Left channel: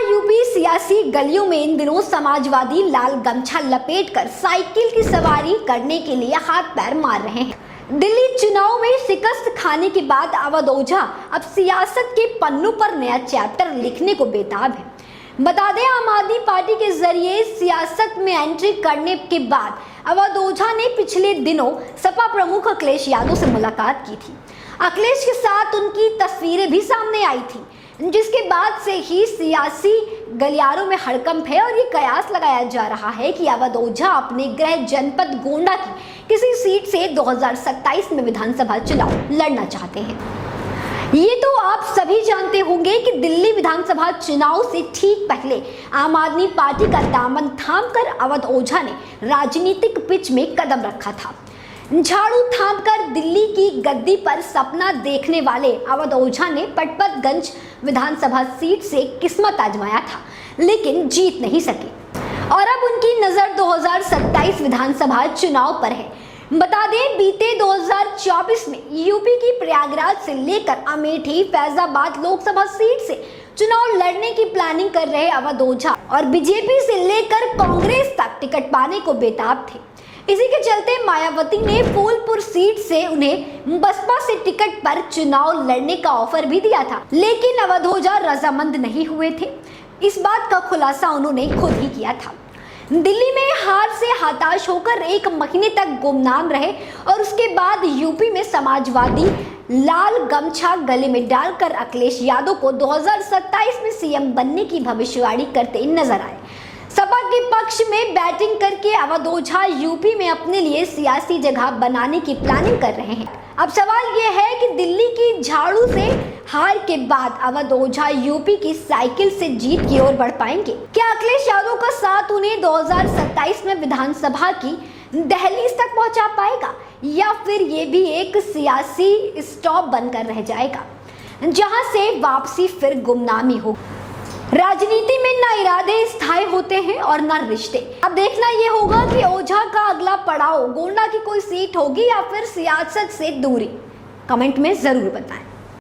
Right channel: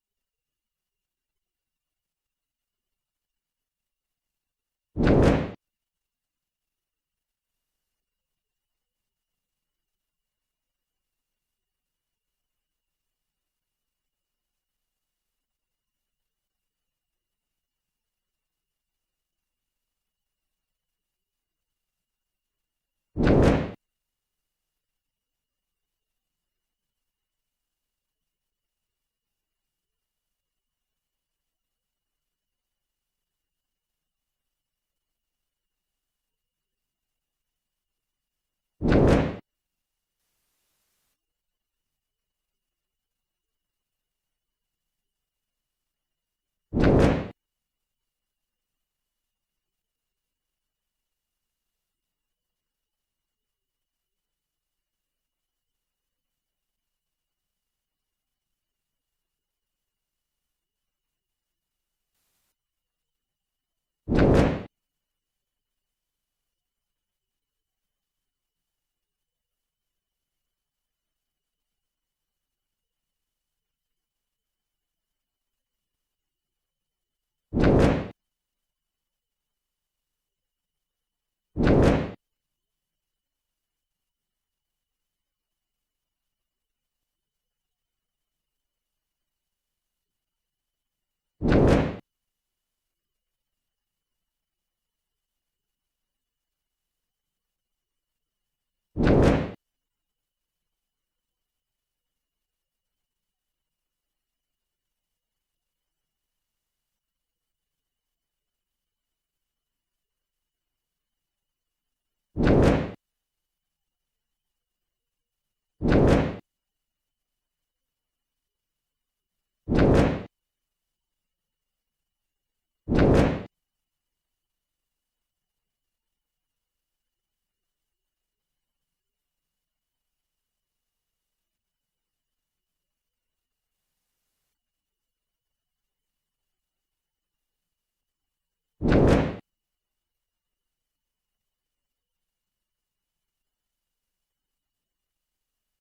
UP सियासी गलियों में इन दिनों समाजवादी लाल गमछा लपेटकर साइकिल की सवारी करने के लिए हाथ पैर मार रहे हैं। दिल्ली चुनाव में शिकस्त खाने के बाद अवध ओझा अब सियासत के पन्नों पर नया चैप्टर लिखने को बेताब है। बता दें, आम आदमी पार्टी के जरिए सियासत में एंट्री करने के बाद अवध ओझा ने पिछले दिनों सपा प्रमुख अखिलेश यादव से मुलाकात की थी। अखिलेश के साथ उनकी तस्वीरें भी सामने आई थी, जिसके बाद से ही सियासी गलियारों में हड़कंप है और ये कयास लगाया जा रहा है कि अवध ओझा अपने गृह जनपद गोंडा की किसी सीट से 2027 में विधानसभा चुनाव लड़ना चाहते हैं। ये तो आप सभी जानते होंगे कि दिल्ली विधानसभा चुनाव से ठीक पहले आम आदमी पार्टी का दामन थामकर अवध ओझा ने राजनीतिक पिच में कदम रखा था। झाड़ू थामकर दिल्ली की गद्दी पर सपना देखने वाले अवध ओझा ने पटपतगंज विधानसभा सीट से किस्मत आजमाया था, लेकिन जीत नहीं सके और अब उनकी नजर 2027 विधानसभा चुनाव पर है। बता दें, बीते 2024 में यूपी की प्रयागराज से लेकर अमेठी फैजाबाद लोकसभा सीट से चुनाव लड़ने की प्लानिंग कर रहे अवध ओझा और बीजेपी से लेकर कांग्रेस तक टिकट पाने को बेताब थे। इसी के चलते मायावती ने फूलपुर सीट से उन्हें बसपा से टिकट पर चुनाव लड़ने का ऑफर भी दिया था, लेकिन अवध ओझा रजामंद नहीं हुए थे। इस बात का खुलासा उन्होंने खुद ही किया था। दिल्ली में हार से हताश होकर 1 महीने तक गुमनाम रहे और उसके बाद यूपी में समाजवादी लाल गमछा गले में डालकर अखिलेश यादव को 2027 में सीएम बनने की भविष्यवाणी करते नजर आए। सपा के पक्ष में बैटिंग करके अवध ओझा यूपी में अपने लिए सियासी जगह बनाने की प्लानिंग कर रहे हैं। अब सवाल यह है कि दिल्ली की झाड़ू से हार के बाद अवध ओझा यूपी की साइकिल से जीत की ओर बढ़ पाएंगे? क्या अखिलेश यादव का साथ उन्हें 2027 में विधानसभा की दहलीज तक पहुंचा पाएगा, या फिर ये भी एक सियासी स्टॉप बनकर रह जाएगा जहां से वापसी फिर गुमनामी हो? राजनीति में ना इरादे स्थायी होते हैं और ना रिश्ते। अब देखना ये होगा कि ओझा का अगला पड़ाव गोंडा की कोई सीट होगी या फिर सियासत से दूरी। कमेंट में जरूर बताएं।